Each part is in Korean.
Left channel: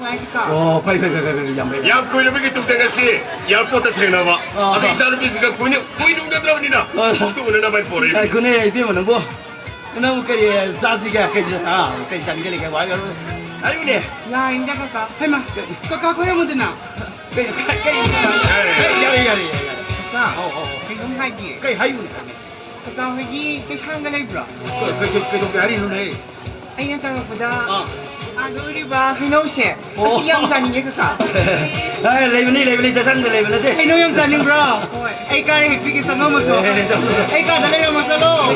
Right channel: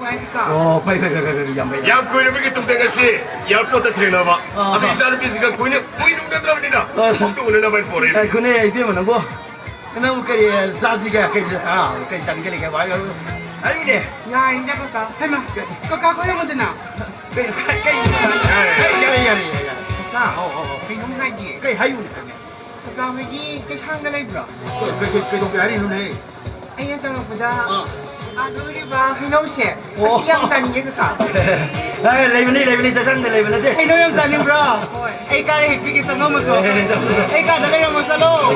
파이 야, 고이놈에게 뚱땡아씨, 얇고다 트레너봐. 아까 이사는 비스가 고이놈가 들어오니나. 또 오늘 나만 보래. 그네 이때면 뭐 너무 그래 사시가 그 장ገል이가 와요 아유네 야, 인자 가까. 할마. 가까 거야 뭐드나. 야야야야 가. 그놈 하기. 그 하유네 가까 하기 저 상가 레브라. 그 동네 아니 누네 아이는 저거보다 우리 봐. 그놈새. 시양자는 게 그까. 아 레벨이 세상들 레벨인데 해노 형사님 브라. 에이가 비기서 넘어서. 에이가 달려면서로.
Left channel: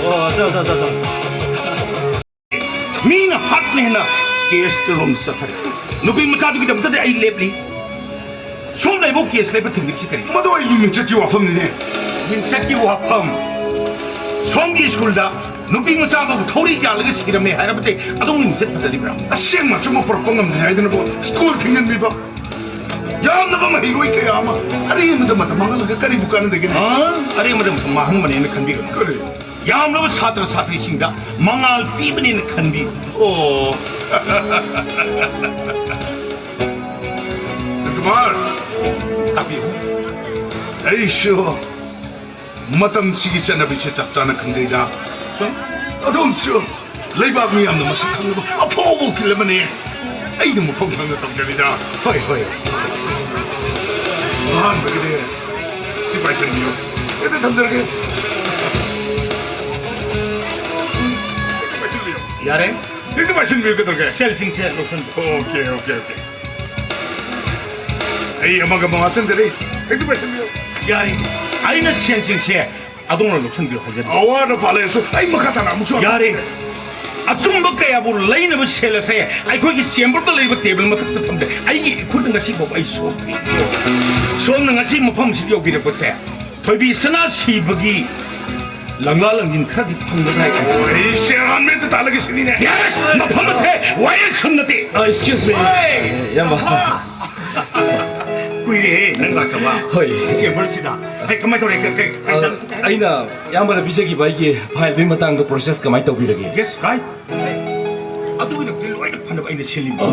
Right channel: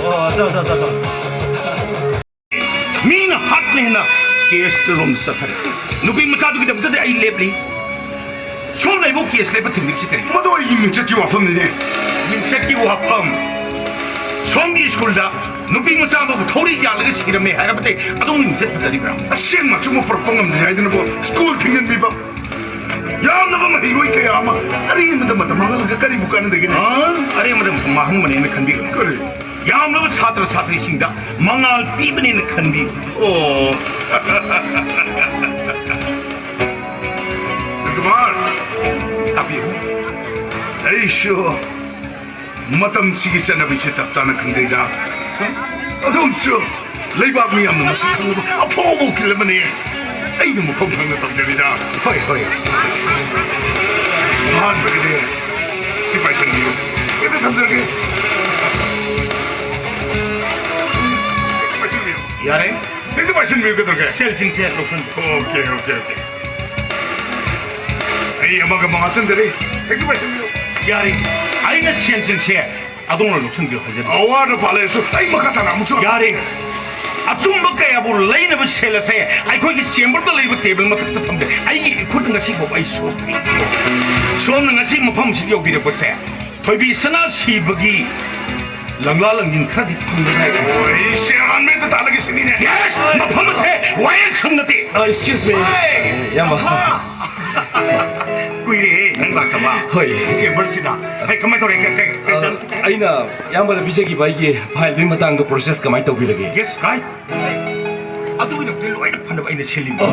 저 मीन हाथ में है ना केस के रोम सफर नुपी मचा दुगी दबता दे आई लेबली शोल नहीं वो केस लेबर थिंग निकसी करी मदो ये मिंचक की वाफम ने मिंचक की वाफम शोम की स्कूल दा नुपी मचा को थोड़ी जाल के सिर में है बते अदों मिंचक पता दी ब्रा अशें मचो मो परपंग हम ने आइदन बो स्कूल थिंगन भी बा याम नबा म हिरोई के यामा अरे मत मत मंगल के करी बुकान देगे ने अरे मत महंग मने ने खनबी करे यामरब छात्र छात्रीसिंगदा मंगाल पीबनेन खनबी ओ कुमार ताबियो ऐशो मतम सिगी चनबिसे चपचाना खंदेगा अदोमसो लेबाक मियामना मसक खंगबा अफोबो किलमने ऐदम मखों खंग तमजरिदा होय होय मान बगदे सिपाइसन नियो एदे थमदरगे यारे 이제 마신 밀고 들어가 셀싱체 로션 오케이 아이 엄마가 망았던데 이제 마신 밀 야리 아이는 셀싱체 아동을 로션 밀 하자 아와를 발에서 아이 막았다 나무 쳐 야리 아좀 먹어야 볼 레이는 뭐 셀레세 아이 거기 셈벌도 레이고 테이블 뭐 탁탁 탐데 아이 코든 것이 뭐 아이 소는 것이 뭐 펌시 여기를 보세 더비 스나 시버기 랑라랑진 크라디 펑드라이 오이 셰란메도 달라게 쓰니네 예스 뭐 펌세 와이 손나티 excuse me 야마 꾸이리 랑라까봐 허이 이게 뭘시다 아이 그만 돌아 아이나 양반의 비제기 바이기 파일 빈 마땅도 프로세스 그만 떠비르게 예스 라이 아두기는 별로 아이는 판다 아이는 셀림 나가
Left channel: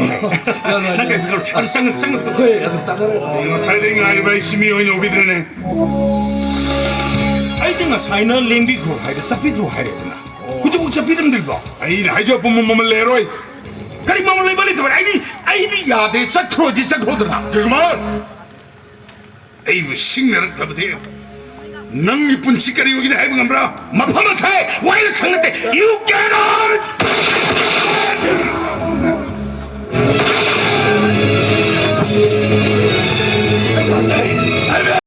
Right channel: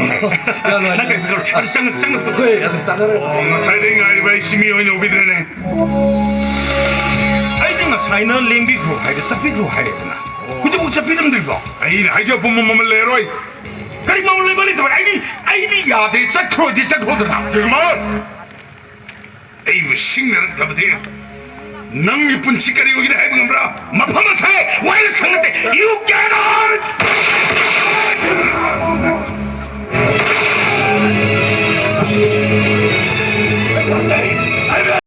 그걸 아니 쌍은 또 허이 따라라 나 사이딩 아이바이 심이 오니 오비드네 아이가 사이너 랭비고 하이데 사피고 하이데나 그저 뭐 잡히는 들고 아이네 아이저 봄봄봄을 내로이 그리 몸을 내버리 더 아이니 야데 사크로디 사크로드나 그만 에이구 싱내는 가버디 능 이쁜 짓거리 여기다 해보면 뭐라 마파마사에 와이를 상는데 You get on